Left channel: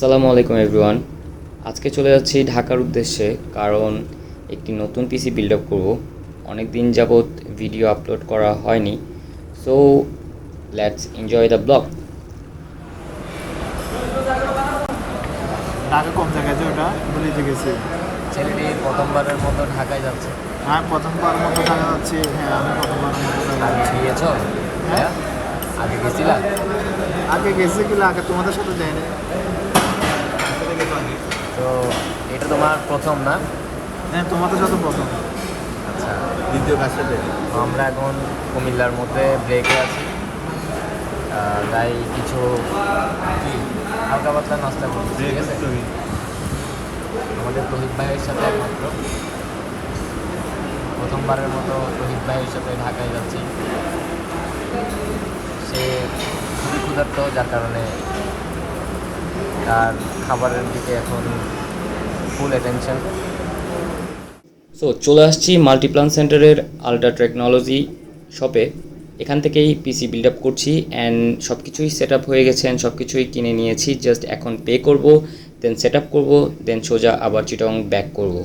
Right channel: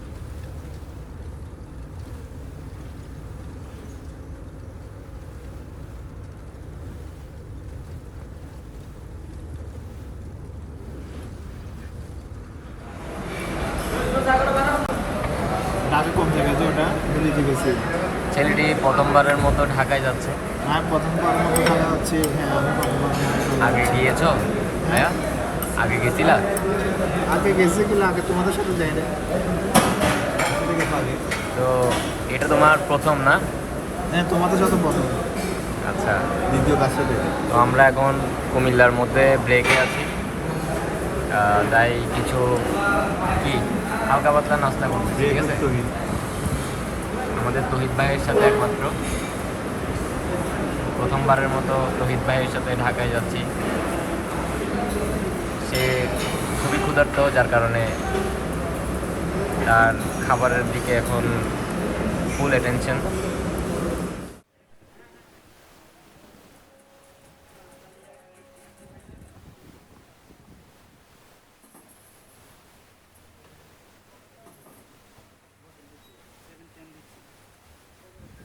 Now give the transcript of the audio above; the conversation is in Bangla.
আসসালামু আলাইকুম এভরিওয়ান। আজকে চলে যাচ্ছি ঢাকার উদ্দেশ্যে, কারণ একটি নতুন পিসি বিল্ড আপ করবো। অনেক দিন যাবৎ ভিডিও আপলোড করা হয়নি, so let's enjoy the blog. Dhaka কোন জায়গায় যে ওটা ভুলে গেছি। ছেলেটি প্রথমবারের মতো ঢাকায় যাচ্ছে। হ্যাঁ, প্রথমবার মতো ঢাকা যাচ্ছি। হ্যাঁ, আমি প্রথমবার মতো ঢাকা আগে যাচ্ছি। গিয়েছ? হ্যাঁ, আগে গেছিলা? আগে গেছি কিনা, আগে তোমাদের সাথে যাইনি। তো এটা তোমার প্রথম না? হ্যাঁ, তোমাদের সাথে প্রথম। আচ্ছা, দ্বিতীয় কাজ সাথে। তো আমরা এখন কুমিল্লার মধ্যে ব্রেকে আছি। তাই কিছু কি হালকা পাতলা নাস্তা করছি, ঠিক আছে? আমাদের তহিদ ভাইয়ের সাথে একমাত্র প্রথমবারের মতো তহিদ ভাইয়ের সাথে ঢাকায় যাচ্ছি। সে খুবই ক্ষুধার্ত, যার কারণে তার খাবারের দিকে এখন ফুল অ্যাটেনশন। সো চলে আসছি মাল্টিপ্লান সেন্টারের আলট্রা টেকনোলজি শপে। এখান থেকেই পিসি বিল্ড আপ করছি অ্যান্ড সব কিছুই সেট আপ হয়ে গেছে, সব কিছুই কিনে নিয়েছি। জাস্ট এখন পে করব, দেন সেট আপ করবো, দেন সোজা আবার চিটং ব্যাক করব।